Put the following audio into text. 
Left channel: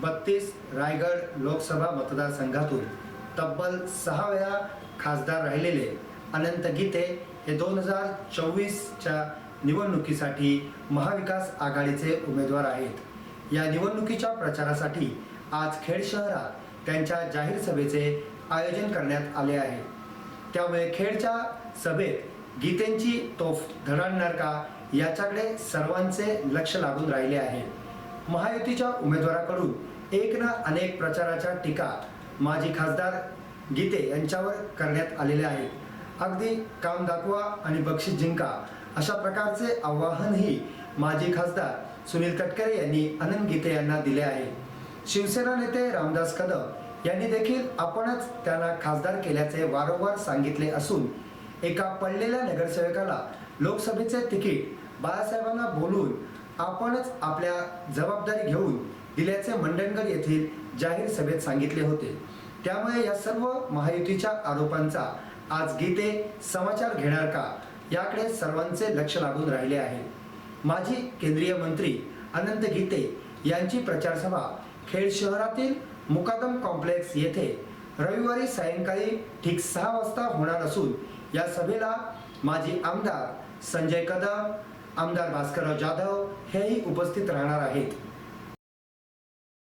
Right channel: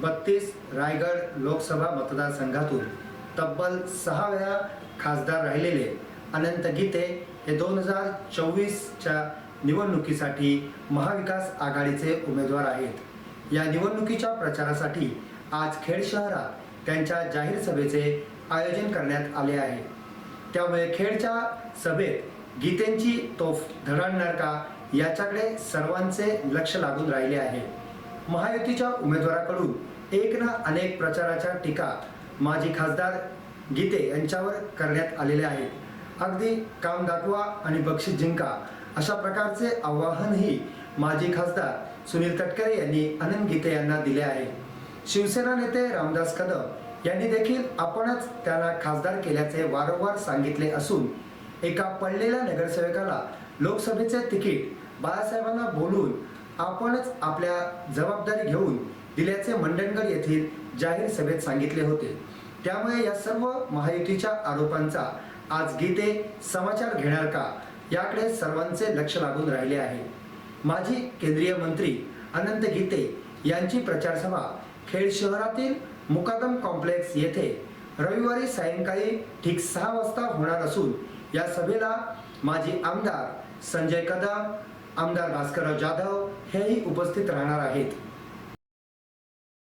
बत्तीस रायगड लोकसभा मतदारसंघातून तब्बल सहा वेळा खासदार राहिलेले अनंत गीते हे दोन हजार चोवीसच्या निवडणुकीसाठी महाविकास आघाडीचे उमेदवार आहेत. या निवडणुकीच्या प्रचारासाठी आज खेड शहरात त्यांच्या जाहीर सभेचे आयोजन करण्यात आले आहे. त्यामुळे खेडच्या सभेत गीतेंची तोफ धडणणार का याच्याकडे सर्वांचे लक्ष लागून राहिले आहे. महायुतीच्या उमेदवाराकडून एक ना अनेक प्रचाराच्या टीका माजी खासदार गीते यांच्यावर करण्यात आलेल्या आहेत. अगदी काम दाखवा आणि बक्षीस जिंका अशा प्रकारचे आवाहनही माजी खासदार सुनील तटकरे यांनी अनंत गीते यांना दिले आहे. शिवसेना नेते रामदास कदम यांनी देखील आपणच त्यांना खासदार केल्याचे वारंवार सांगितले असून एका पडलेल्या नगरसेवकाला लोकसभेचे तिकीट बाळासाहेबांना बोलून आपणच आपल्या जबाबदारी घेऊन दिल्याचे मंडणगड येथील जाहीर सभेत सांगितले होते. त्यामुळे या सर्व महायुतीच्या आरोपांचा आज गीते समाचार घेणार का? याकडे सर्वांचे लक्ष लागून राहिले आहे. माजी केंद्रीय मंत्री अनंत गीते यांची प्रचारसभा खेड शहरातील मुकादम कॉम्प्लेक्स येथे रविवारी सायंकाळी ठीक सहा वाजता होणार असून या सभेला माजी आमदार संजय कदम आमदार भास्करराव जाधव हेही उपस्थित राहणार आहेत.